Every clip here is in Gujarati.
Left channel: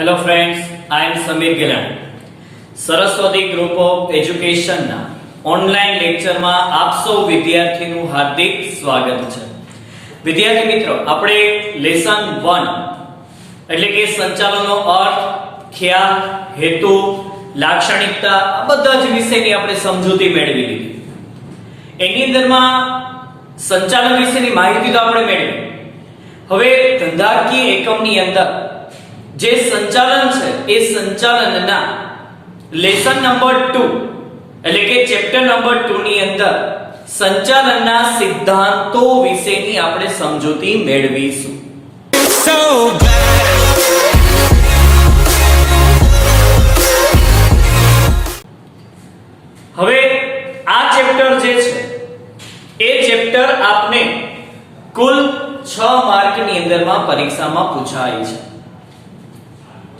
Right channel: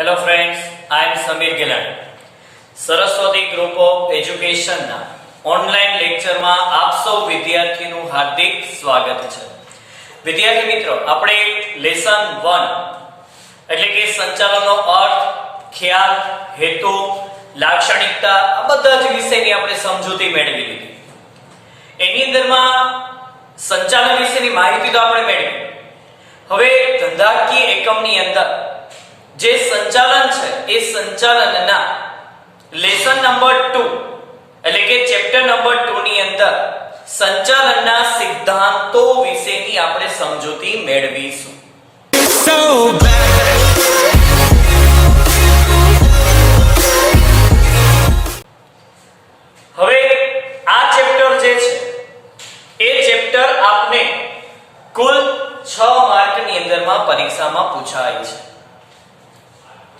Hello friends, I am Samir Gilani. Saraswati group of એજ્યુકેશનના ઓનલાઈન લેક્ચરમાં આપ સૌ વિદ્યાર્થીનું હાર્દિક સ્વાગત છે. વિદ્યાર્થી મિત્રો, આપણે લેસન 1 એટલે કે સંચાલનનો અર્થ, ખ્યાલ, હેતુ, લાક્ષણિકતા આ બધા જ વિષયની આપણે સમજૂતી મેળવી લીધી. એની અંદરમાં સંચાલન વિશેની માહિતી તો આપણે મેળવી. હવે ધંધાકીય એકમની અંદર જે સંચાલન છે એ સંચાલનના લેસન નંબર 2 એટલે કે ચેપ્ટર નંબર 2 ની અંદર સંચાલનના સિદ્ધાંતો વિશેની આપણે સમજૂતી મેળવીશું. હવે આ ચેપ્ટર જે છે એ ચેપ્ટર આપને કુલ 6 માર્કની અંદરમાં પરીક્ષામાં પૂછાય છે.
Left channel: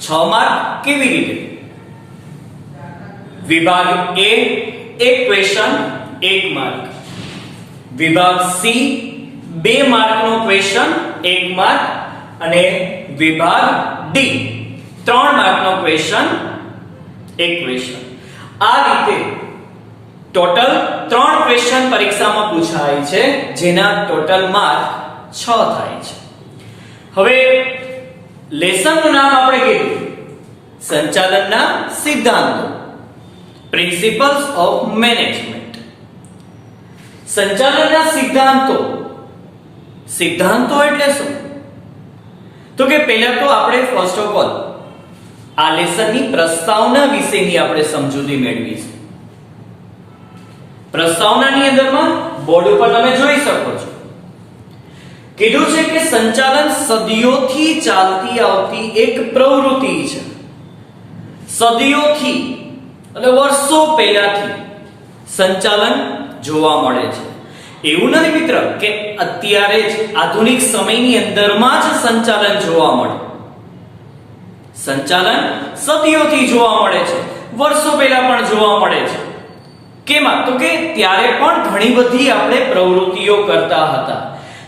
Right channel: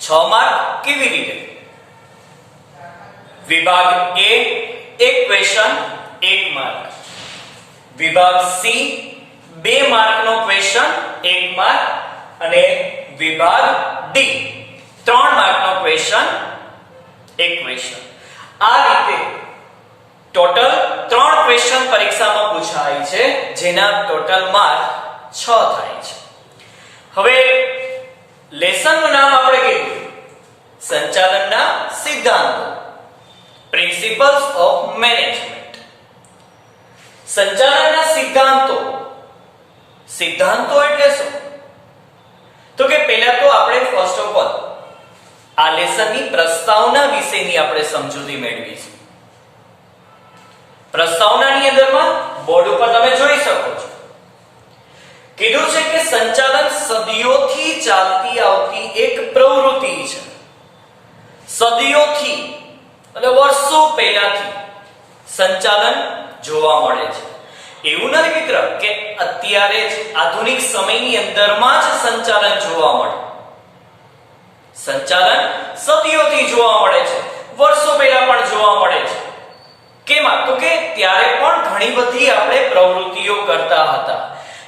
6 માર્ક કેવી રીતે? વિભાગ A એક ક્વેશ્ચન 1 માર્ક, વિભાગ C 2 માર્કનો ક્વેશ્ચન 1 માર્ક અને વિભાગ D 3 માર્કનો ક્વેશ્ચન 1 ક્વેશ્ચન. આ રીતે ટોટલ 3 ક્વેશ્ચન પરીક્ષામાં પૂછાય છે, જેના ટોટલ માર્ક 6 થાય છે. હવે લેસનનું નામ આપણે કીધું સંચાલનના સિદ્ધાંતો, પ્રિન્સિપલ્સ ઓફ મેનેજમેન્ટ. સંચાલનના સિદ્ધાંતો. સિદ્ધાંતો એટલે શું? તો કે પહેલા તો આપણે ફર્સ્ટ ઓફ ઓલ આ લેસનની પ્રસ્તાવના વિશેની આપણે સમજૂતી મેળવીશું. પ્રસ્તાવનાની અંદરમાં બોર્ડ ઉપર તમે જોઈ શકો છો, કીધું છે કે સંચાલન સદીઓથી ચાલતી આવતી એક પ્રવૃત્તિ છે. સદીઓથી એટલે વર્ષો પહેલાથી સંચાલન જોવા મળે છે. એવું નથી મિત્ર કે અત્યારે જ આધુનિક સમયની અંદરમાં જ સંચાલન જોવા મળે. સંચાલન સદીઓથી જોવા મળે છે, વર્ષો પહેલા પણ જોવા મળે છે. કેમાં? તો કે ત્યારે પણ ઘણી બધી આપણે પ્રવૃત્તિઓ કરતા હતા.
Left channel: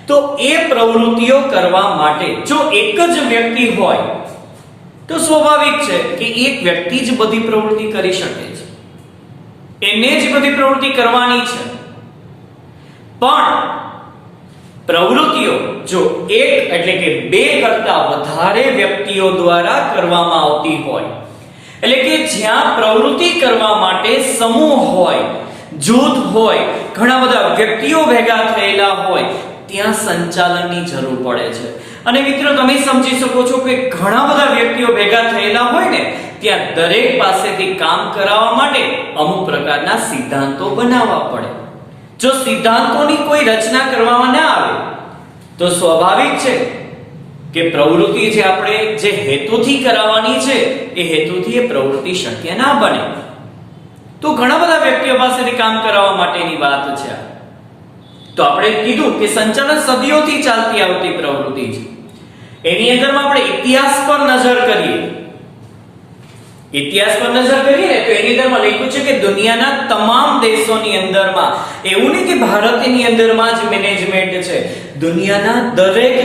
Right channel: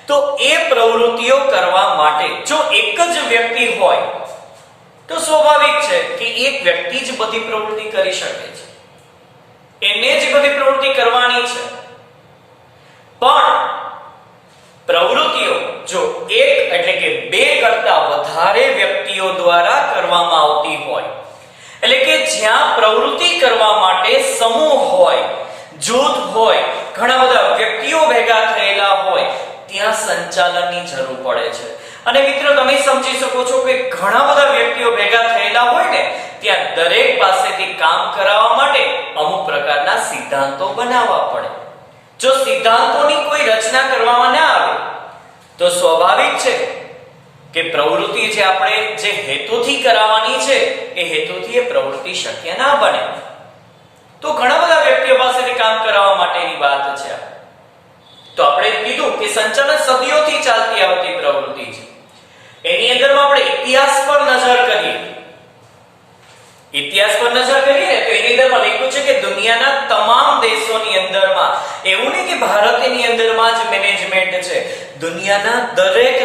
તો એ પ્રવૃત્તિઓ કરવા માટે જો એક જ વ્યક્તિ હોય તો સ્વાભાવિક છે કે એક વ્યક્તિ જ બધી પ્રવૃત્તિ કરી શકે છે, એને જ બધી પ્રવૃત્તિ કરવાની છે. પણ પ્રવૃત્તિઓ જો એક એટલે કે 2 કરતા વધારે વ્યક્તિઓ દ્વારા કરવામાં આવતી હોય, એટલે કે જ્યાં પ્રવૃત્તિ કરવા માટે સમૂહ હોય, જૂથ હોય, ઘણા બધા વ્યક્તિઓ ભેગા થયેલા હોય, ત્યાં સંચાલનની જરૂર પડે છે. અને મિત્રો તમે સમજી શકો છો કે ઘણા બધા વ્યક્તિઓ ભેગા થયેલા હોય ને, ત્યાં દરેક પાસેથી કામ કરાવવા માટે અમુક પ્રકારના સિદ્ધાંતો બનાવવા પડે. જો સિદ્ધાંતોની કોઈ રચના કરવામાં ના આવે તો સ્વાભાવિક છે કે પ્રવૃત્તિ જે આપણે જે હેતુથી કરાવવાની છે એ હેતુથી એ પ્રવૃત્તિ શક્ય ના બને. તો ઘણા બધા વ્યક્તિઓ પાસેથી કામ કરાવવા માટેની વાત છે. તો આપણે કીધું કે સંચાલન સદીઓથી ચાલતી આવતી પ્રવૃત્તિ છે. એની અંદરમાં આપણે ઇતિહાસ પર નજર કરીએ. ઇતિહાસ પર નજર કરીએ ને તો એની અંદરમાં લખ્યું છે કે દુનિયાના તમામ દેશોની અંદરમાં, એવું નહીં કે ભારતની અંદરમાં જ મેનેજમેન્ટ છે, દુનિયાના દરેક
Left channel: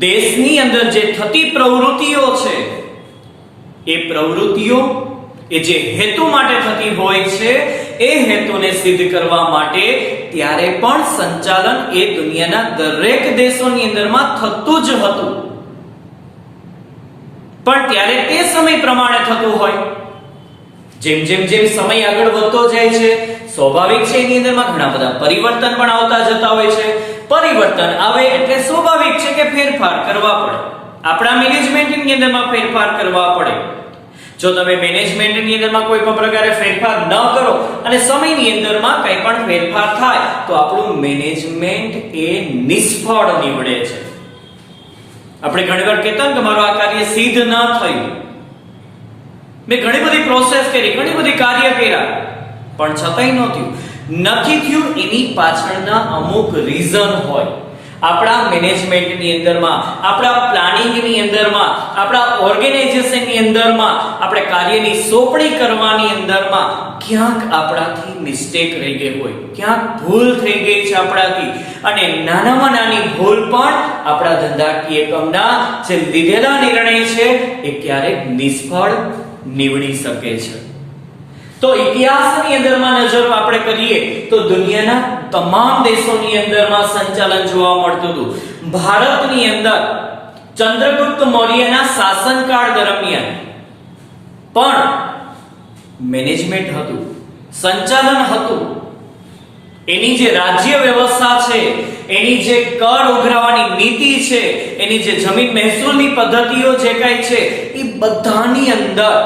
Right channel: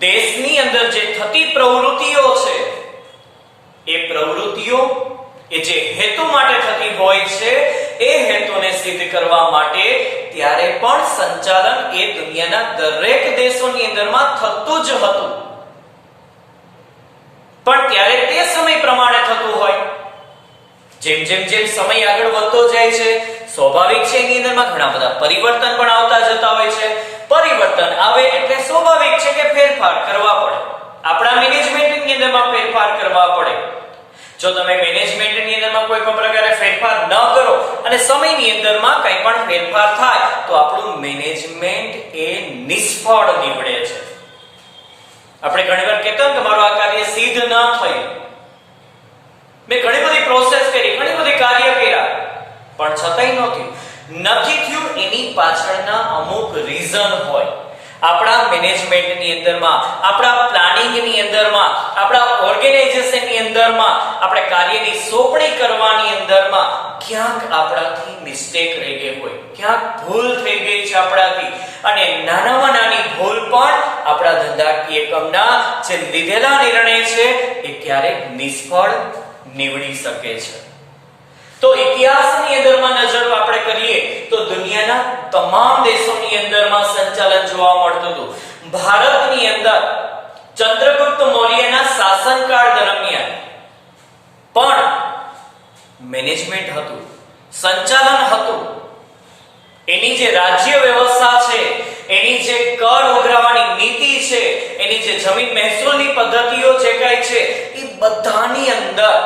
દેશની અંદર જે થતી પ્રવૃત્તિઓ છે એ પ્રવૃત્તિઓ એ જે હેતુ માટે થતી હોય છે, એ હેતુને સિદ્ધ કરવા માટે ત્યારે પણ સંચાલન એ દુનિયાના દરેક દેશોની અંદરમાં થતું જ હતું. પણ ત્યારે તે સમય પ્રમાણે થતું હોય. જેમ જેમ સમય આગળ વધતો જાય છે, સ્વાભાવિક છે એની અંદરમાં ઘણા બધા પરિવર્તન પણ આવતા જતા હોય છે. પરિવર્તન આવે એટલે સ્વાભાવિક છે કે ફેરફાર કરવા પડે. આપણા મેનેજમેન્ટની અંદરમાં ફેરફાર કરવા પડે. જો તમે મેનેજમેન્ટની અંદરમાં કોઈ પણ પ્રકારે ફેરફાર ન કરો અને સમયની અંદરમાં કંઈ પણ ફેરફાર થાય તો આપણું મેનેજમેન્ટ એ નિષ્ફળ નીવડે છે. આપણે ઘણીવાર કહેતા કે મારું આ કાર્ય સિદ્ધ ન થયું, મેં ઘણી બધી પ્રોસેસ કરી, ઘણી બધી કાર્ય કર્યા, પણ છતાંય નથી થયું. એની પાછળના અમુક રીઝન હોય. આપણા મેનેજમેન્ટની અંદરમાં, આપણા પ્લાનિંગની અંદરમાં, આપણા ઓર્ગેનાઇઝેશનની અંદરમાં, આપણે કાર્યની સોંપણી કરવાની અંદરમાં ક્યાંક આપણાથી મિસ્ટેક રહી ગઈ હોય, ક્યાંક ભૂલ થઈ ગઈ છે આપણાથી, અને નાનામાં નાની ભૂલ પણ આપણા ધંધાકીય એકમના જે લીધેલા નિર્ણય છે એ ક્યારેક નિષ્ફળ નીવડી શકે છે. તો ઇતિહાસની અંદરમાં નજર આપણે કરીએ તો દુનિયાના તમામ દેશોની અંદરમાં સંચાલન જોવા મળતું હતું. ભારતની અંદર ચંદ્રગુપ્ત મૌર્યના શાસનકાળ દરમિયાન પણ મેનેજમેન્ટ હતું, સંચાલન હતું. એની જે રાજ્ય વ્યવસ્થા છે, એની જે કર ઉઘરાવવાની નીતિ છે, એની જે જમીન મહેસૂલની પદ્ધતિઓ જે કઈ છે એ બધાની અંદર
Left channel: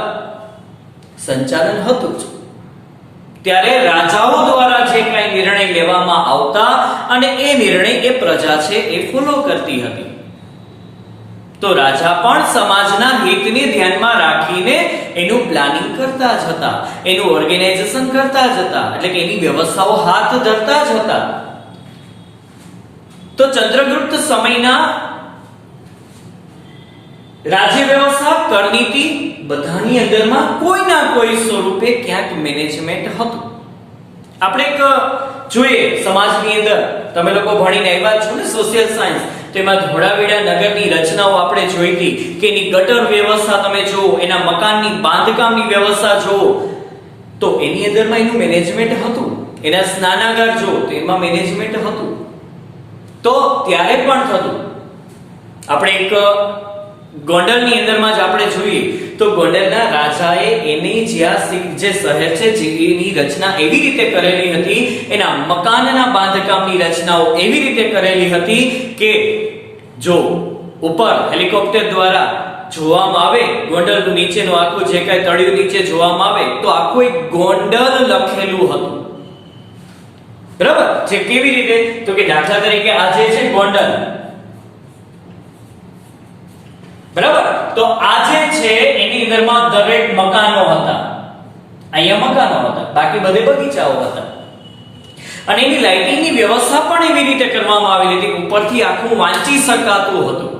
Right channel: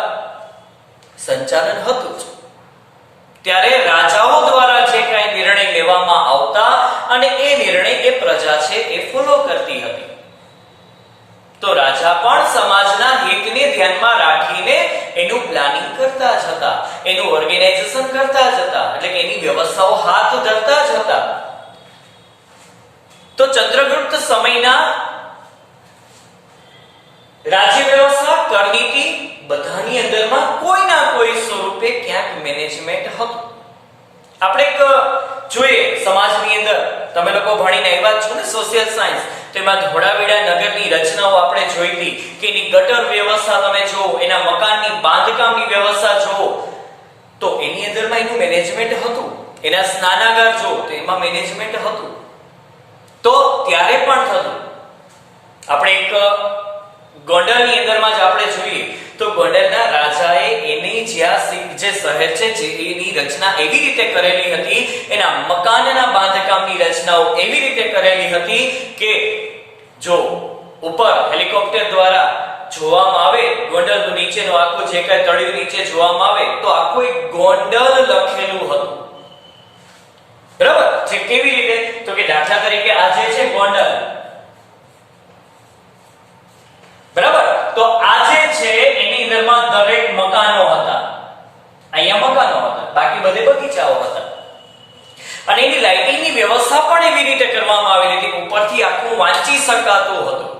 સંચાલન હતું. ત્યારે રાજાઓ દ્વારા જે કઈ નિર્ણય લેવામાં આવતા અને એ નિર્ણય એ પ્રજા છે એ ફોલો કરતી હતી. તો રાજા પણ સમાજના હિતને ધ્યાનમાં રાખીને એનું પ્લાનિંગ કરતા જ હતા, એનું ઓર્ગેનાઇઝેશન કરતા જ હતા, એટલે કે એની વ્યવસ્થાઓ હાથ ધરતા જ હતા. તો ચંદ્રગુપ્ત સમયના રાજ્ય વ્યવસ્થા, કરનીતિ બધાની અંદરમાં કોઈના કોઈ સ્વરૂપે ક્યાંક મેનેજમેન્ટ હતું. આપણે એક જોઈએ સમાજની અંદર, તમે લોકો ભણીને આવ્યા છો ને સોશિયલ સાયન્સ, તેમાં ધોળાવીરા નગરની રચનાઓ આપણે જોઈ હતી કે એની ગટર વ્યવસ્થા તમે જુઓ, એના મકાનની બાંધકામની વ્યવસ્થા જુઓ તો એની અંદરમાં એનું મેનેજમેન્ટ હતું. એના સ્નાનાગાર જુઓ તો એમાં મેનેજમેન્ટ હતું. તો ત્યારે પણ થતું. આપણે એક ગોંડલની અંદરમાં જ આપણે જોઈએ તો ગોંડલના રાજાએ એની જ્યાં જે શહેર છે જેની રચના એવી રીતે કરેલી હતી, એના મકાનના બાંધકામની રચનાઓ એવી રીતે કરેલી હતી કે જો ઉપર હેલિકોપ્ટર દ્વારા જોવામાં આવે ગોંડલનું નીચેનું આખું જે કઈ તળિયું નીચે જોવામાં આવે તો આખું એક ગોંડલ લખેલું હતું. બરાબર? જે કેવી રીતે તો કે દાખલા તરીકે આ જે છે ગોંડલ, બરાબર, તો આ જે છે એની અંદરમાં દરેક મકાનો હતા. અહીંયા મકાનો હતા, બાકી બધે બગીચાઓ હતા. અને એની લાઇટિંગની વ્યવસ્થા પણ એવી રીતે કરવામાં આવેલી હતી, ઉપરથી આખું વાંચી શકાતું હતું.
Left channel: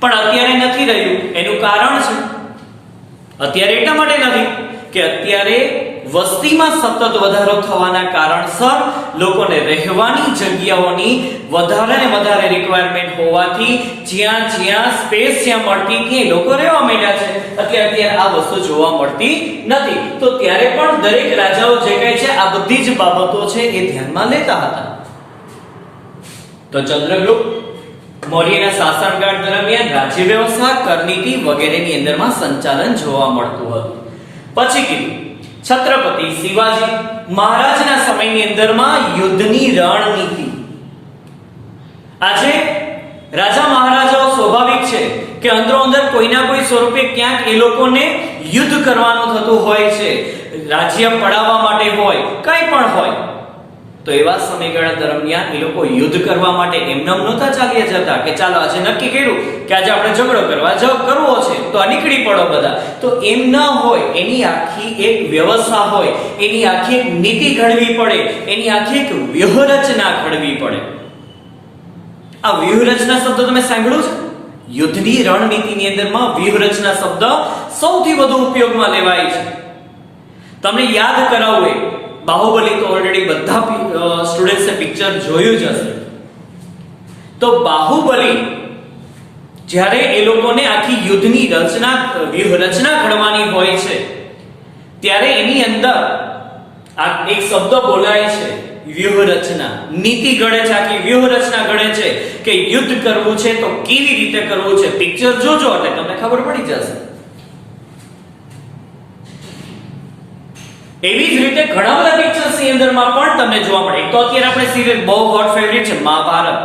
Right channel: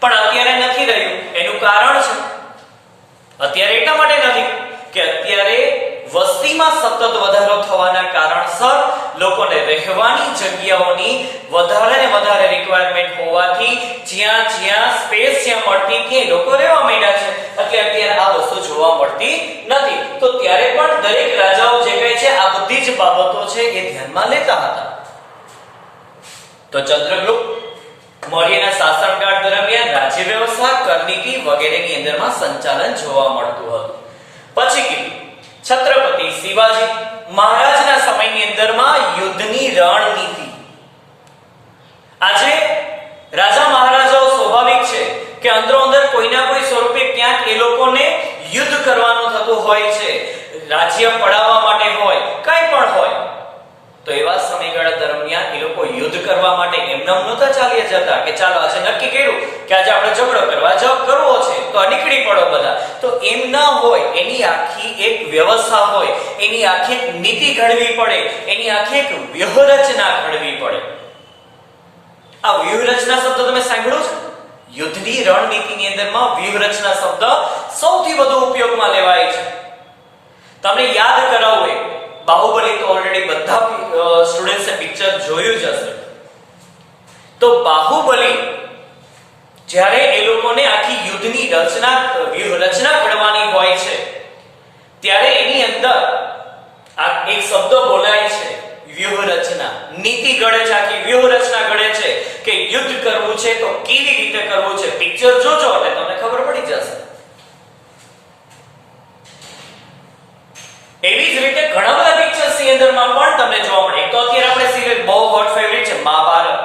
પણ અત્યારે નથી રહ્યું. એનું કારણ છે, અત્યારે એટલા માટે નથી કે અત્યારે વસ્તીમાં સતત વધારો થવાના કારણસર લોકોને રહેવાની જગ્યાઓની વધારે ને વધારે રિક્વાયરમેન્ટ હોવાથી જ્યાં જ્યાં સ્પેસ જ્યાં મળતી ત્યાં લોકો રહેવા માંડ્યા છે. અત્યારે આ વસ્તુ જોવા મળતી નથી. તો ત્યારે પણ દરેક રાજાઓ જે કહે છે આ બધી જ બાબતો છે એ ધ્યાનમાં લેતા હતા. તો ચંદ્રગુપ્ત મૌર્યના શાસનકાળ દરમિયાન રાજ્ય વ્યવસ્થા, કરનીતિ વગેરેની અંદરમાં સંચાલન જોવા મળતું હતું. પછી કીધું છત્રપતિ શિવાજી મહારાજના સમયની અંદરમાં યુદ્ધની રણનીતિ. આજે રાજા મહારાજાઓ સ્વાભાવિક છે કે અંદરો અંદર કોઈના કોઈ સ્વરૂપે ક્યાંક એ લોકોને યુદ્ધ કરવાનું થતું હોય છે, રાજ્ય પડાવવા માટે હોય, કંઈ પણ હોય. તો એવા સમયગાળા દરમિયાન એ લોકો યુદ્ધ કરવા માટે એમનેમ નહોતા ચાલ્યા જતા કે ચાલો આજે નક્કી કર્યું કે આજે આપણે ઝઘડો કરવો છે તો આ નીકળી પડો બધા. તો એમ ન હોય, એની આખી એક વ્યવસ્થા હોય, એની આખી એક નીતિ ઘડવી પડે, એની આખી એક વ્યૂહરચના ઘડવી પડે. આ વ્યૂહરચના શબ્દ તમે સાંભળ્યો છે? યુદ્ધની રણનીતિની અંદરમાં વ્યૂહરચના શબ્દ સૌથી વધુ ઉપયોગમાં લેવાય છે. તમને યાદ કરાવું, બાહુબલી તો ઓલરેડી બધા સ્ટુડન્ટ્સે પિક્ચર જોયું જ હશે. તો બાહુબલી જ્યારે એ લોકોને આખી યુદ્ધની વ્યૂહરચના ઘડવાની હોય છે ત્યારે એની અંદર આ એક શબ્દ બોલાય છે, વ્યૂહરચના. નીતિ ઘડે છે, આખી વ્યૂહરચના ઘડે છે કે યુદ્ધ કરવું છે તો કેવી રીતે કરવું છે. પિક્ચર જોજો એટલે તમને ખબર પડી જશે. એવી જ રીતે ઘણા બધા પિક્ચર્સ ની અંદરમાં પણ તમને જોવા મળે. એક તો અત્યારે આપણે સિરિયલ બહુ હોટ ફેવરિટ છે મહાભારત.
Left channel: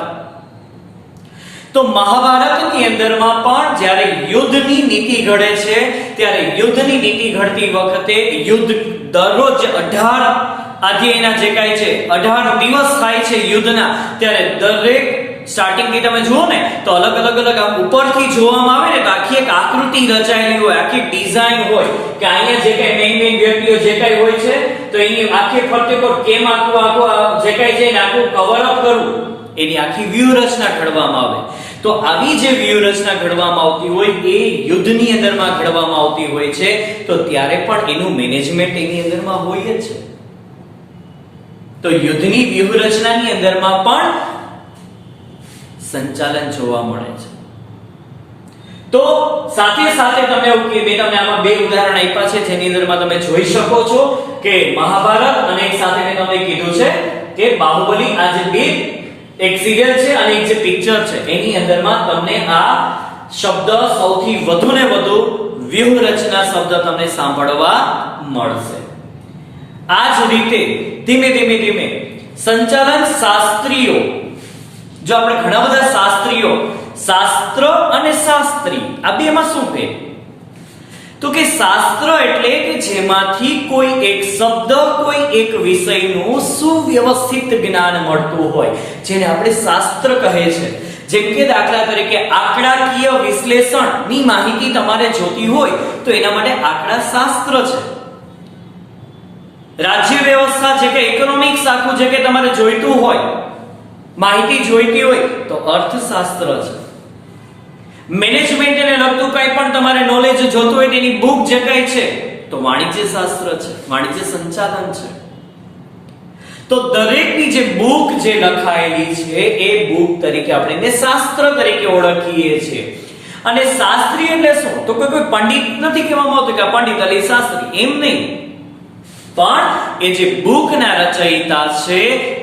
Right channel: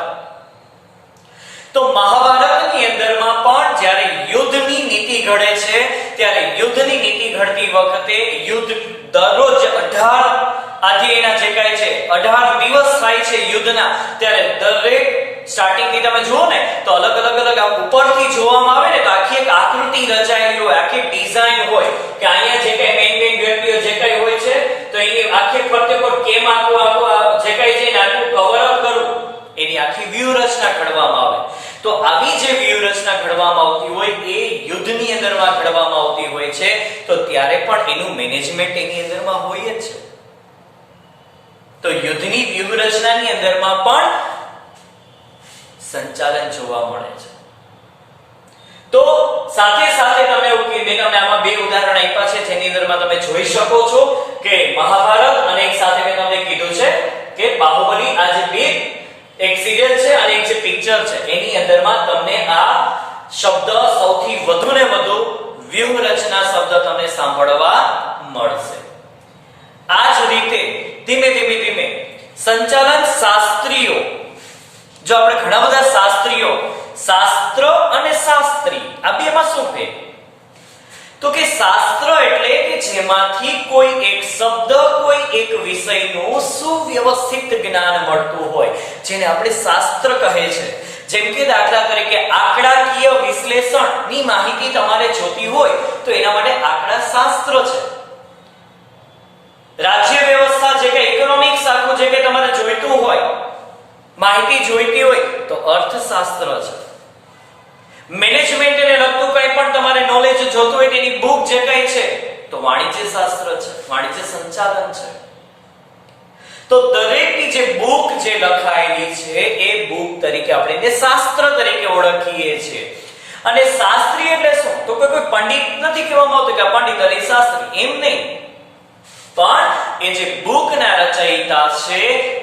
તો મહાભારતની અંદરમાં પણ જ્યારે યુદ્ધની નીતિ ઘડે છે ત્યારે યુદ્ધની નીતિ ઘડતી વખતે યુદ્ધ દરરોજ 18 આજે એના જે કાંઈ છે 18 દિવસ થાય છે યુદ્ધના, ત્યારે દરેક સ્ટાર્ટિંગ થી તમે જુઓ ને તો અલગ આમ ઉપરથી જોવામાં આવે ને તો આખી એક આકૃતિ રચાયેલી હોય, આખી ડિઝાઇન હોય કે અહીંયા જે કઈ મેઇન વ્યક્તિઓ જે કઈ હોય છે તો એની આખી ફરતે પર કેમ આખું જે કઈ છે આખું કવર અપ કરવું, એની આખી વ્યૂહરચના ઘડવામાં આવે. તો આવી જે વ્યૂહરચના ઘડવામાં આવતી હોય એ યુદ્ધની અંદરમાં ઘડવામાં આવતી હોય છે, તો ત્યારે પણ એનું મેનેજમેન્ટ એની અંદરમાં હોય જ છે. તો યુદ્ધની વ્યૂહરચનાની અંદરમાં પણ સંચાલન જોવા મળે છે. તો સાથે સાથે તમને એવું કે મેં તમને આમાં બે ઉદાહરણ આપ્યા છે જેની અંદરમાં તમે જોઈ શકો છો કે મહાભારત અને એક સાથે મેં તમને કીધું છે કે બાહુબલી, આ જે બે એક સિરિયલ છે અને એક જે પિક્ચર છે એની અંદરમાં તમને આ શબ્દ સૌથી વધુ ને વધુ વ્યૂહરચના શબ્દ તમને સાંભળવા મળશે. આ જ રીતે ધીમે ધીમે સંચાલન શાસ્ત્રીઓ, જો આપણે ઘણા બધા શાસ્ત્રીઓ, શાસ્ત્ર અને શાસ્ત્રી આ બેમાં શું ફેર? તો કે શાસ્ત્ર એટલે કે જેમાંથી કોઈ એક શબ્દ, કોઈ એક વિષયનું સુવ્યવસ્થિત જ્ઞાન મળતું હોય, જેને આપણે શાસ્ત્ર કહે છે. જેમ કે દાખલા તરીકે આંકડાકીય વિશ્લેષણની માહિતી તમારે જોતી હોય તો એના માટે આંકડા શાસ્ત્ર છે. રાજ્ય વ્યવસ્થા જે કે ઇકોનોમિક્સ આખું જે કે તમારે જોઈતું હોય, માહિતી જોઈતી હોય તો અર્થશાસ્ત્ર છે. મેનેજમેન્ટને લગતું કંઈ પણ તમારે નોલેજ જોતું હોય તેની બુક જે કંઈ છે તો વાણિજ્ય શાસ્ત્ર છે, વાણિજ્ય સંચાલન છે. તો દરેકની જે બુક જે લખાયેલી છે એ બુક તરીકે આપણે એને શાસ્ત્ર તરીકે ઓળખીએ છીએ. અને શાસ્ત્રી એટલે શું? તો કોઈ પંડિત નથી કહેવામાં આવતું કે આ પંડિત એટલે શાસ્ત્રી, એમ નહીં. પણ એ જે બુકના રચયિતા છે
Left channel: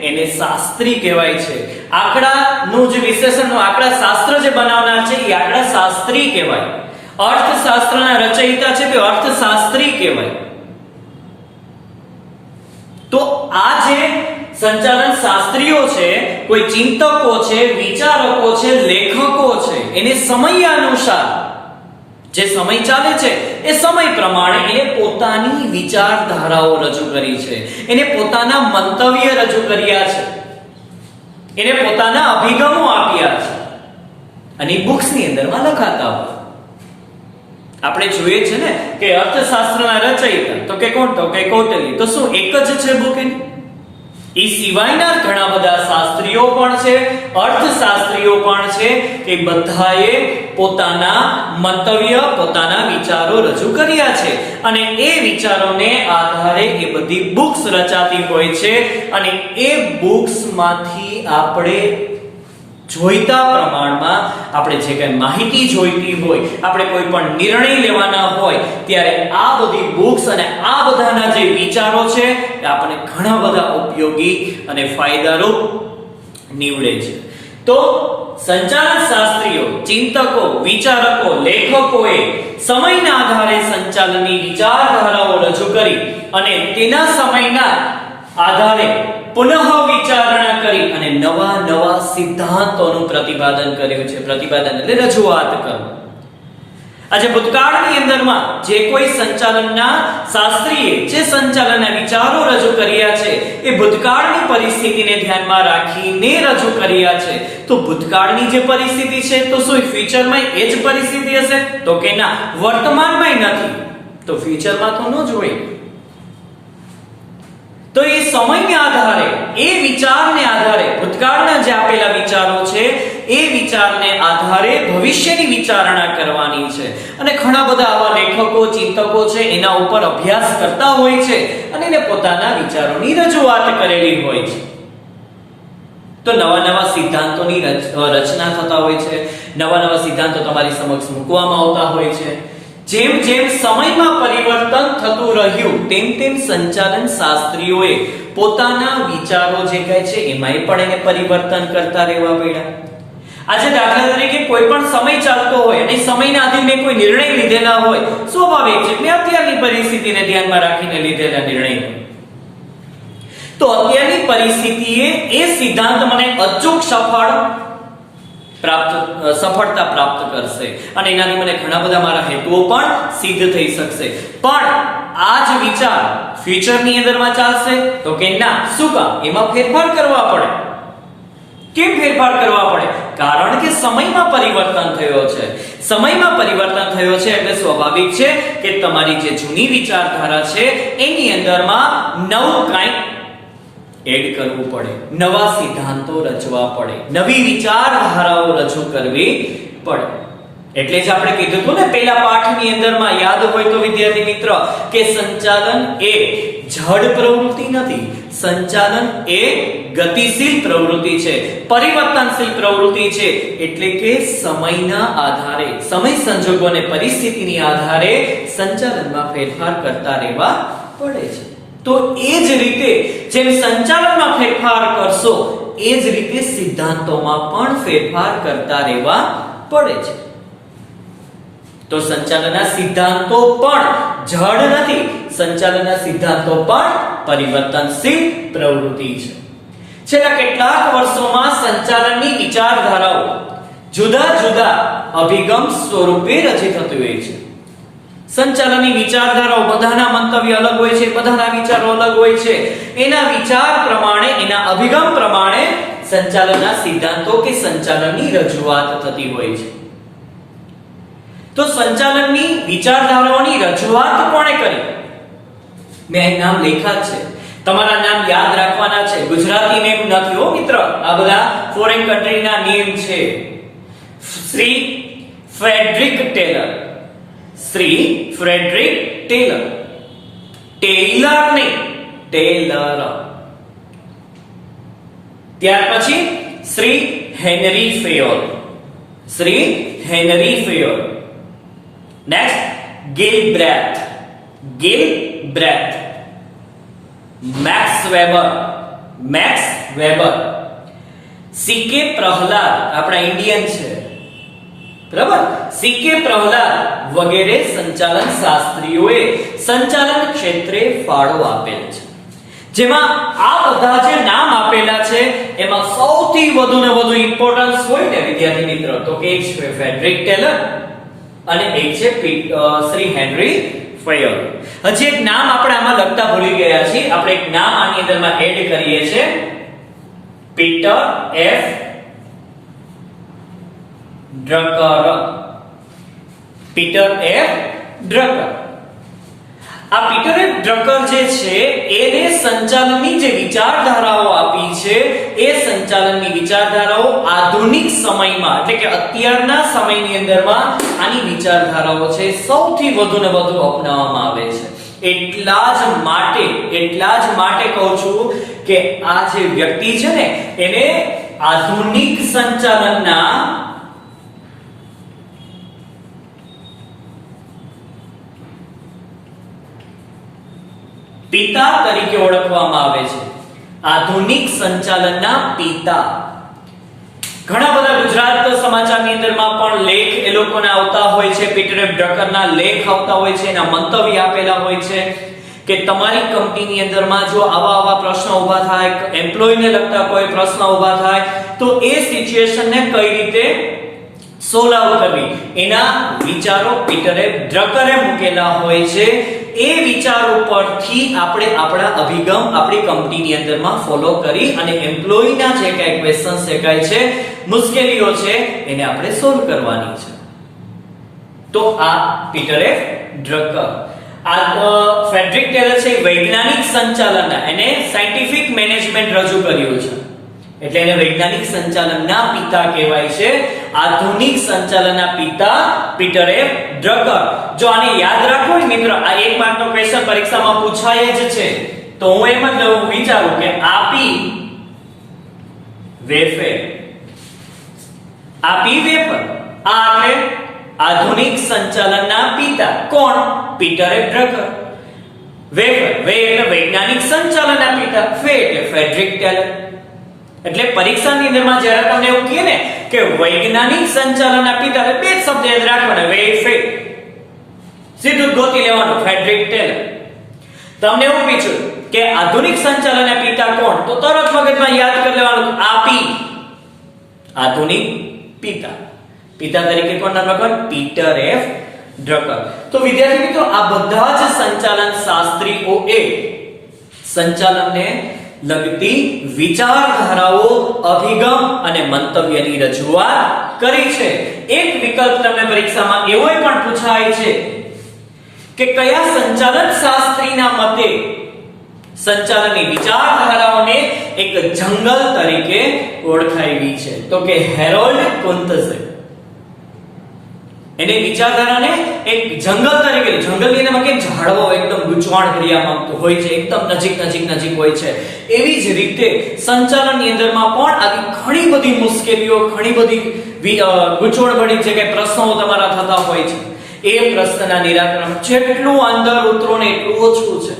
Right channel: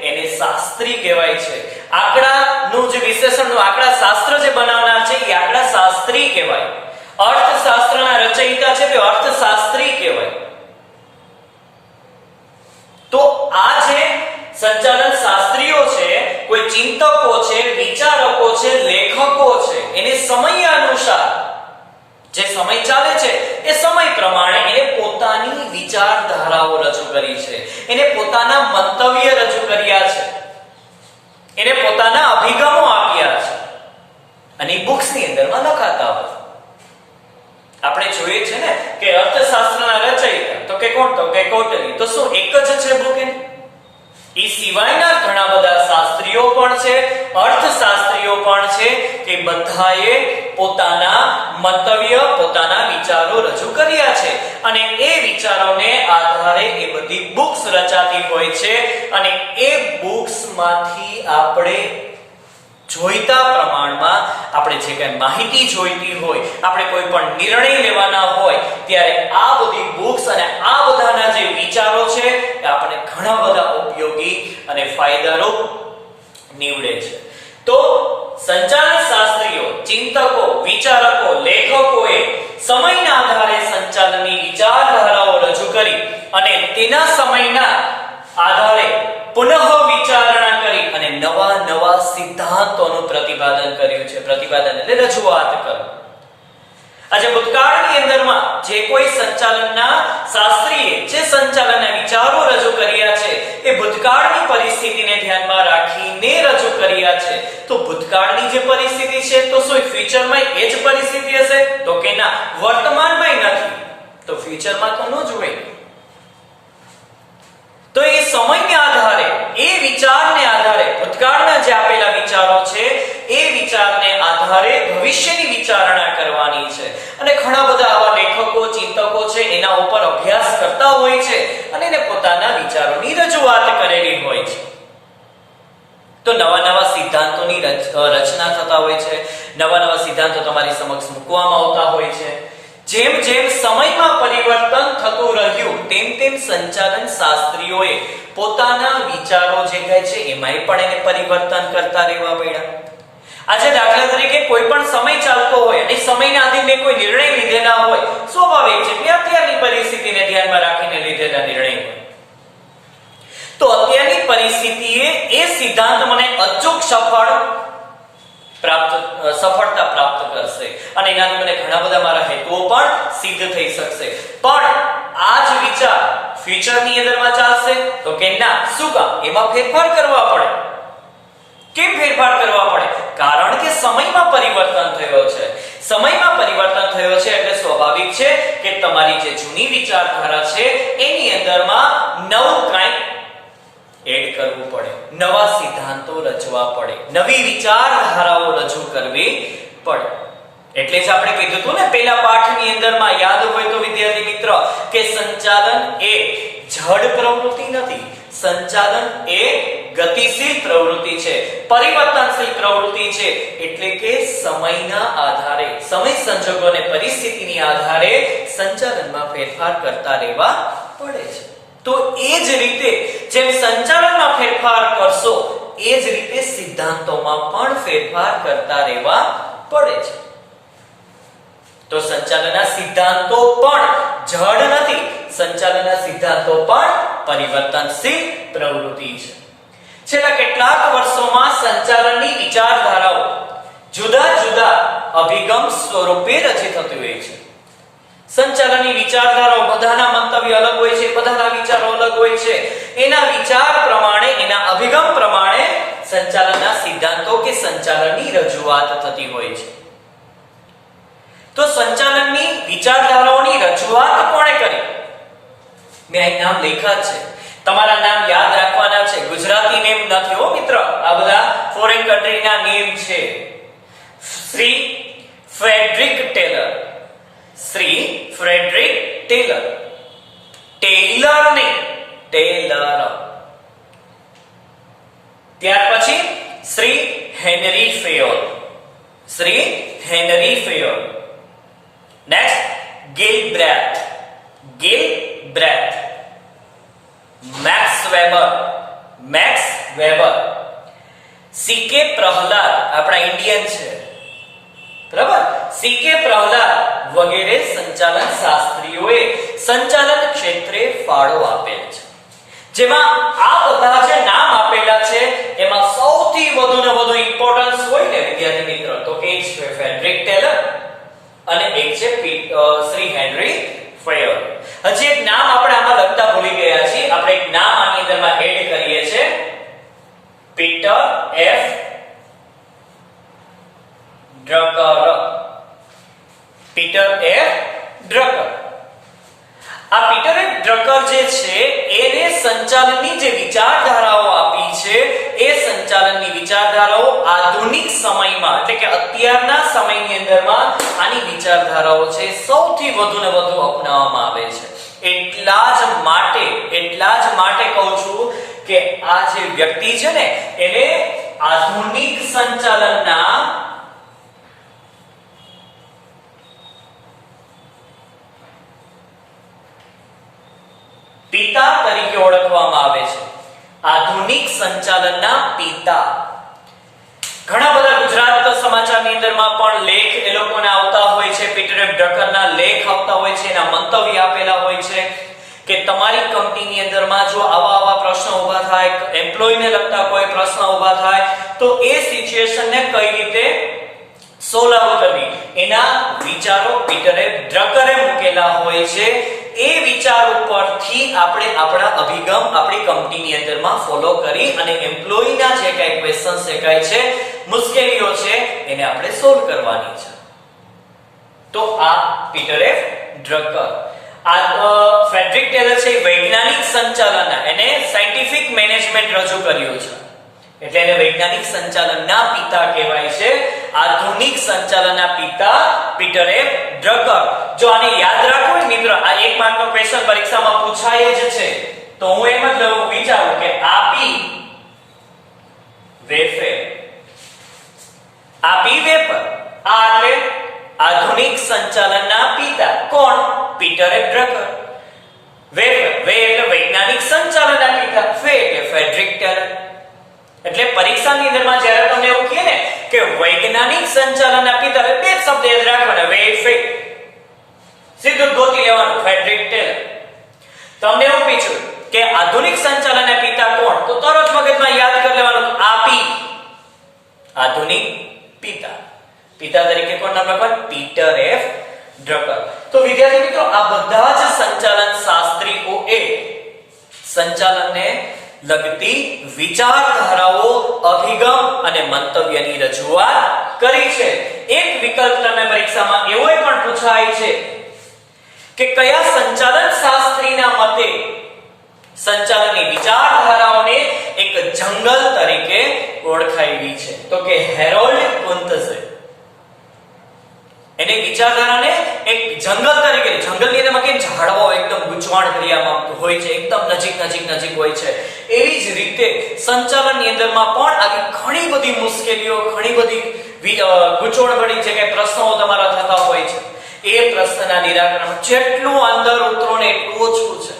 એને શાસ્ત્રી કહેવાય છે. આંકડાનું જે વિશ્લેષણનું આંકડા શાસ્ત્ર જે બનાવનાર છે એ આંકડા શાસ્ત્રી કહેવાય. અર્થશાસ્ત્રના રચયિતા છે તે અર્થશાસ્ત્રી કહેવાય. તો આ જે સંચાલન શાસ્ત્રીઓ છે, કોઈ ચિંતકો છે, વિચારકો છે, લેખકો છે, એને સમય અનુસાર જે સમય ચાલે છે એ સમય પ્રમાણે એને પોતાની વિચારધારાઓ રજૂ કરી છે, એને પોતાના મંતવ્ય રજૂ કર્યા છે, એને પોતાના અભિગમો આપ્યા છે અને બુક્સની અંદરમાં લખાતા હોય. આપણે જોઈએ છે ને કે અર્થશાસ્ત્રના રચયિતા તો કે કોણ? તો કે કૌટિલ્ય. તો શું એક જ છે બુક એની? એ સિવાયના ઘણા બધા શાસ્ત્રીઓ પણ છે, અર્થશાસ્ત્રીઓ પણ છે, તે બધાએ પોતાના મંતવ્ય, પોતાના વિચારો રજૂ કર્યા છે અને એ વિચારોને આધારે એ બધી બુક્સ રચાતી હોય છે અને એ બુક્સમાંથી આપણે જોઈતા પ્રમાણમાં આપણે જે કંઈ માહિતી જોઈતી હોય, આપણે કોઈ પણ નિર્ણય લેવાના હોય ત્યારે આ બધી બુક્સ અને આ બધાના જે વિચારો છે એ આપણને ઘણા બધા ઉપયોગી અને ફાયદારૂપ નીવડે છે. તો સંચાલન શાસ્ત્રીઓ, ચિંતકો, વિચારકો, લેખકોએ સમયના આધારે સંચાલનની વિચારધારાઓ રજૂ કરી અને તેના સમયના આધારે પુનઃ વિચારણા કરી અને નવા સિદ્ધાંતોનું પ્રતિપાદન કર્યું છે. પ્રતિપાદન એટલે રજૂઆત કરવું. આજે ભૂતકાળની અંદરમાં જે કોઈ સંચાલનના શાસ્ત્રીએ જે સંચાલનના વિચારો રજૂ કર્યા છે એ ભૂતકાળની પરિસ્થિતિને ધ્યાનમાં રાખીને રજૂ કર્યા છે. તો ભૂતકાળની જે પરિસ્થિતિ છે તો શું ફ્યુચરમાં એ જ પરિસ્થિતિ હશે? તો કે ના, વર્તમાનમાં નથી તો ફ્યુચરમાં તો ન જ હોય. તો એ સમયના આધારે, એ વિચારને આધારે, ભૂતકાળના જે આપેલા વિચારો છે એ વિચારને આધારે ભવિષ્યની વિચારણા કરવાની છે. અને ઘણા બધા આવા લેખકો, ચિંતકો છે એના ઉપર અભ્યાસ કરતા હોય છે અને એને પોતાના વિચારોની રજૂઆત કરેલી હોય છે. તો નવા સિદ્ધાંતોની રચના થતા હોય છે, નવા સિદ્ધાંતો તમારી સમક્ષ મૂકવામાં આવતા હોય છે. જેમ સમયમાં પરિવર્તન થતું રહ્યું તેમ સંચાલન શાસ્ત્રીઓએ પોતાના વિચારો જે કહે છે એમાંય પણ એને પરિવર્તન કરતા રહેવા પડ્યા. આજે દાખલા તરીકે કોઈ પણ સમય ચાલતો હોય અને સમયના આધીન મેં કોઈ નિર્ણય લીધેલા હોય, સ્વાભાવિક છે કે અત્યારની પરિસ્થિતિને ધ્યાનમાં રાખીને લીધેલા નિર્ણય હોય. તો અત્યારની પરિસ્થિતિએ એ સિદ્ધાંત મને અચૂક સફળતા પ્રાપ્ત કરશે અને એનાથી મને ઘણા બધા મારા હેતુઓ પણ સિદ્ધ થઈ શકશે. પણ આ જ વિચાર ફ્યુચરની અંદરમાં ચાલશે તો કે ના. શું કામ? એમાં ફેરફાર કરવા પડે. કેમ ફેરફાર કરવા પડે? કારણ કે સમયમાં પરિવર્તન થયો છે. સમયમાં પરિવર્તન થયો છે એટલે સ્વાભાવિક છે કે તમારી જે જૂની વિચારધારા છે એની અંદરમાં નવું કંઈક એડ કરવું પડે, નવા સિદ્ધાંતો રચવા પડે, નવી વિચારધારાઓ રજૂ કરવી પડે. એટલે જ આપણે કીધું હતું ને પહેલા પાઠની અંદરમાં, યાદ હોય તો વિદ્યાર્થી મિત્ર, કે સંચાલન એ જડ પ્રવૃત્તિ નથી, સંચાલન એ ગતિશીલ પ્રવૃત્તિ છે, પરિવર્તનશીલ પ્રવૃત્તિ છે. એટલે કે સમયના આધારે, સમય સંજોગો અને પરિસ્થિતિની આધારે સંચાલનમાં ફેરફાર કરતા રહેવા પડે છે. તો એ જ રીતે જેમ સંચાલનમાં ફેરફાર કરશો એ જ રીતે સિદ્ધાંતોમાં પણ ફેરફાર કરતા રહેવા પડે છે. તો સંચાલનના સિદ્ધાંતો પણ જડ નથી, સંચાલનના સિદ્ધાંતો પણ પરિવર્તનશીલ પ્રવૃત્તિ છે. છેલ્લા કેટલાક વર્ષોમાં સંચાલનની વિચારધારાઓ જુદા જુદા અભિગમ સ્વરૂપે રચિત થતી હોય છે. સંચાલનની વિચારધારાઓ બધાના મંતવ્ય અલગ હોય છે, બધાના વિચારો અલગ હોય છે. એના વિચાર પ્રમાણે, એના અભિગમ પ્રમાણે સંચાલનના સિદ્ધાંતો કે સંચાલનની રજૂઆત થતી હોય છે. તો સંચાલનની વિચારધારાઓની રજૂઆત કોણે કરી? મેં અહીં નામ લખ્યા છે, તમારા નામ યાદ રાખવાના છે. ગુજરાતી નેમ નથી હો મિત્ર, આ બધા ફોરેન કન્ટ્રીના નેમ છે. Shri Frederick Taylor, Shri Frederick Taylor, Taylor ને ટેલર. ત્યાર પછી Shri Henri Fayol, Shri Henri Fayol. Next Gilbreth, Gilbreth. Max Weber, Max Weber. CK Prahalad, આપણા ઇન્ડિયન છે, બરાબર, સીકે પ્રહલાદ વગેરે સંચાલન શાસ્ત્રીઓએ સંચાલન ક્ષેત્રે ફાળો આપેલ છે. જેમાં આ બધા જે નામ આપેલા છે એમાં સૌથી વધુ ને વધુ ઇમ્પોર્ટન્સ હોય ને વિદ્યાર્થી મિત્રો, તો કે એક છે ફ્રેડરિક ટેલર અને એક છે શ્રી હેનરી ફેયોલ. હજી એક નામ આપણે આમાં લખતા ભૂલી ગયા છીએ, આપણે એક નામ આની અંદરમાં એડ કરીએ છીએ, Peter F Drucker, Peter F Drucker. આ પીટર એફ ડ્રકર જે છે એને સંચાલનની જે વિચારધારાઓ આપી છે એ સંચાલનની વિચારધારાઓ આધુનિક સમયમાં, એટલે કે અત્યારના સમયની અંદરમાં આની વિચારધારાઓ છે સૌથી વધુ ને વધુ અપનાવવામાં આવે છે. એટલા જ માટે કહું છું કે આ જે વ્યક્તિ છે ને એને આધુનિક સંચાલનના પિતા તરીકે ઓળખવામાં આવે છે. આધુનિક સંચાલનના પિતા. ઘણા બધા ગુજરાત સમાચારની અંદરમાં પણ લેખ એ લોકોના આવતા હોય છે, પીટર એફ ડ્રકરના લેખ આવતા હોય છે, એના મંતવ્ય આપેલા હોય છે કે તમારી કંપનીની અંદરમાં જો આવા પ્રશ્નો ઊભા થાય, એમ્પ્લોયને લગતા કોઈ પ્રશ્ન ઊભા થાય તો એ સિચ્યુએશનને કઈ રીતે સોલ્વ કરવી, એના વિચારો પીટર એફ ડ્રકરે મૂકેલા હોય છે. એ વિચારો પરથી આપણે આપણા અભિગમ આપણી કંપનીની અંદરમાં ફોલો કરી અને એમ્પ્લોયના જે કાંઈ ક્વેશ્ચન્સ છે, કાંઈ છે મુશ્કેલીઓ છે એને આપણે સોલ્વ કરવાની છે. તો આ પીટર એફ ડ્રકર. આ ફ્રેડરિક ટેલર છે વૈજ્ઞાનિક સંચાલનના, એને સાયન્ટિફિક મેનેજમેન્ટ રજૂ કર્યું છે એટલે એને વૈજ્ઞાનિક સંચાલનના પિતા કહેવાય છે. આધુનિક સંચાલનના પિતા પીટર એફ ડ્રકર. જો આને યાદ રાખો ને મિત્ર, આ એક માર્કનો ક્વેશ્ચન પરીક્ષામાં પૂછાય જ છે, તો હું એમ જ વિચારું કે આપી વેફર, આપી વેફર. આ એટલે આધુનિક સંચાલનના પિતા કોણ? Peter F Drucker. Wafer, way એટલે વૈજ્ઞાનિક સંચાલનના પિતા, ફે એટલે ફ્રેડરિક ટેલર. એટલે પરીક્ષાની અંદરમાં જ્યારે તમને એવું કહે ને કે વૈજ્ઞાનિક સંચાલનના પિતા, બે જ શબ્દ યાદ રાખવાના, વે ફે, સીધું ગોતી લેવાનું ફ્રેડરિક ટેલર. તમને એવું પૂછ્યું કે આધુનિક સંચાલનના પિતા કોણ, તો તરત મગજમાં યાદ કરી લેવાનું આપી, આધુનિક પિતા. પિતા તરીકે કોણ નામ લખવાનું? Peter F Drucker. તો વિદ્યાર્થી મિત્રો, આ બધા જ સંચાલન શાસ્ત્રીઓએ સંચાલનને લગતી વિચારધારાઓ, અભિગમ અને મંતવ્યની રજૂઆત કરી છે. એક વિકલ્પ તમને પરીક્ષામાં એવો પણ પૂછાય છે કે કયા સંચાલન શાસ્ત્રીના મતે સંચાલનની વિચારધારાઓને એક જંગલ તરીકે ઓળખાવી છે. તો કે હેરોલ્ડ કુંતઝે એની વિચારધારાને એક જંગલ તરીકે, જંગલની અંદરમાં કેમ ઝાડવાઓ એકદમ ગૂંચવાણ કર્યા હોય છે, એકદમ નજીક હોય છે, એવી જ રીતે સંચાલનની અંદરમાં પણ આવી ઘણી બધી મુશ્કેલીઓ, ઘણી બધી ગૂંચવણભરી જે કઈ પ્રશ્નો તમારા થતા હોય છે, એ પ્રશ્નના નિરાકરણ જેટલું અંદર ઉતરો ને એટલું ઓછું છે.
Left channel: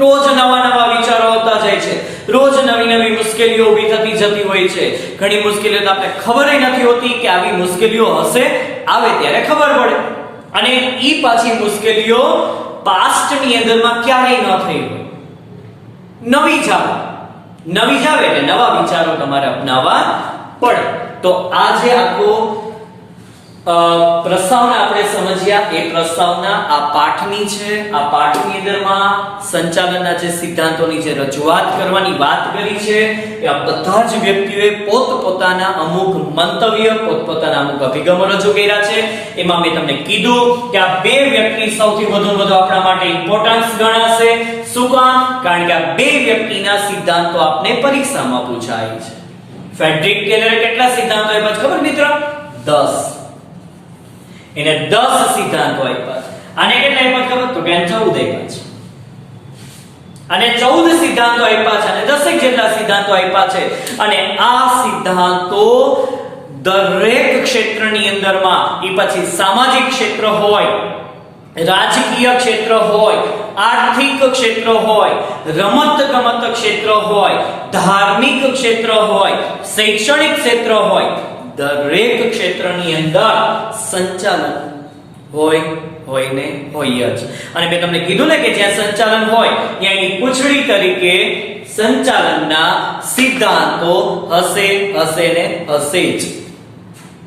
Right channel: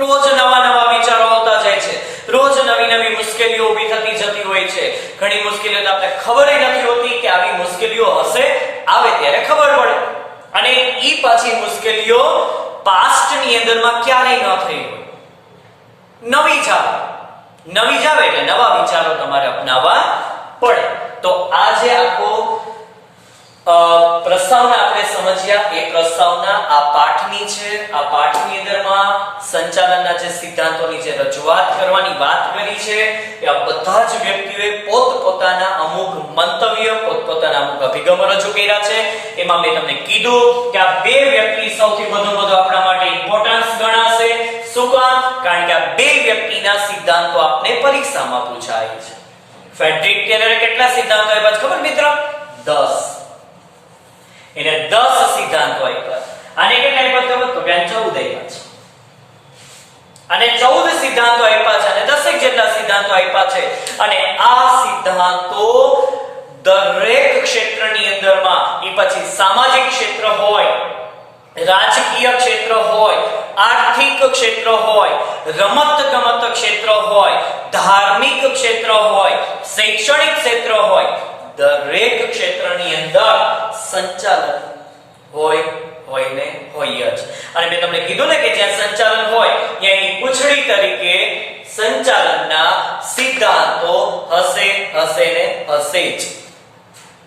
રોજ નવા વિચારો આવતા જાય છે, રોજ નવી મુશ્કેલીઓ ઊભી થતી જતી હોય છે. ઘણી મુશ્કેલીઓ તો આપણે ખબર નથી હોતી કે આવી મુશ્કેલીઓ હશે, આવે ત્યારે ખબર પડે. અને ઈ પાછી મુશ્કેલીઓ પાસ્ટની અંદરમાં ક્યારેય ન થઈ હોય. નવી જાવે એટલે નવા વિચારો તમારે અપનાવવા પડે. તો આજે આખો પ્રસ્તાવના આપણે સમજ્યા. એ પ્રસ્તાવના આ પાઠની છે. આ પાઠની અંદરમાં સંચાલનના જે સિદ્ધાંતોની જે રજૂઆત કરવાની વાત કરી છે, એ આ બધા જ વ્યક્તિઓએ પોતપોતાના અમુક મંતવ્ય, પોતપોતાના અમુક અભિગમો રજૂ કર્યા છે. એમાં મેં તમને કીધું કે આ બે વ્યક્તિ સૌથી વધુ આપણા માટે ઇમ્પોર્ટન્સ ગણાશે. શું કામ? કારણ કે આ બે વ્યક્તિના સિદ્ધાંતો આપણે પરીક્ષામાં પૂછાય છે. ફ્રેડરિક ટેલરે કેટલા સિદ્ધાંતો આપ્યા છે ખબર મિત્ર? 10. એને 10 સિદ્ધાંતો આપ્યા છે. આને કેટલા આપ્યા ખબર? તો કે 14 આપ્યા છે. અને 14 સિદ્ધાંતો આપ્યા છે અને 10 જેટલા સિદ્ધાંતો આપ્યા છે. અને આ સિદ્ધાંતો દરેક ક્ષેત્રની અંદરમાં, એ પછી સામાજિક ક્ષેત્ર હોય, રાજકીય ક્ષેત્ર હોય, આર્થિક ક્ષેત્ર હોય, રમત-ગમત ક્ષેત્ર હોય, ધાર્મિક ક્ષેત્ર હોય, શૈક્ષણિક ક્ષેત્ર હોય, દરેક ક્ષેત્રની અંદર સંચાલન હોય જ. અને મેં તમને કીધું ને કે જ્યાં સંચાલન હોય ત્યાં એની પૂંછડી તરીકે સંચાલનના સિદ્ધાંતો હશે જ.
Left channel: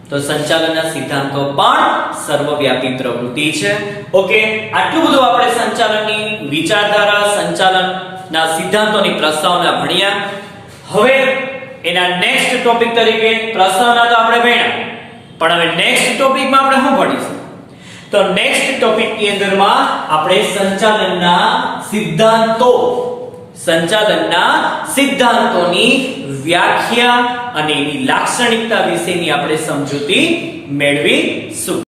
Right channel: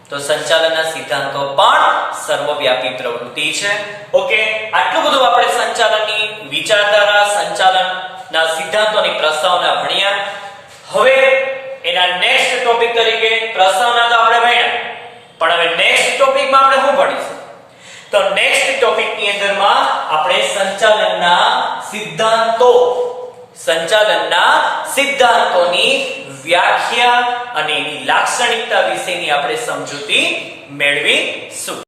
તો સંચાલનના સિદ્ધાંતો પણ સર્વવ્યાપી પ્રવૃત્તિ છે. ઓકે, આટલું બધું આપણે સંચાલનની વિચારધારા, સંચાલનના સિદ્ધાંતોની પ્રસ્તાવના ભણ્યા. હવે એના નેક્સ્ટ ટોપિક તરીકે પ્રસ્તાવના તો આપણે ભણ્યા, પણ હવે નેક્સ્ટ ટોપિકમાં આપણે શું ભણીશું? તો નેક્સ્ટ ટોપિકની અંદરમાં આપણે સંચાલનના સિદ્ધાંતોની વ્યાખ્યા અને એની લાક્ષણિકતા વિશેની આપણે સમજૂતી મેળવીશું.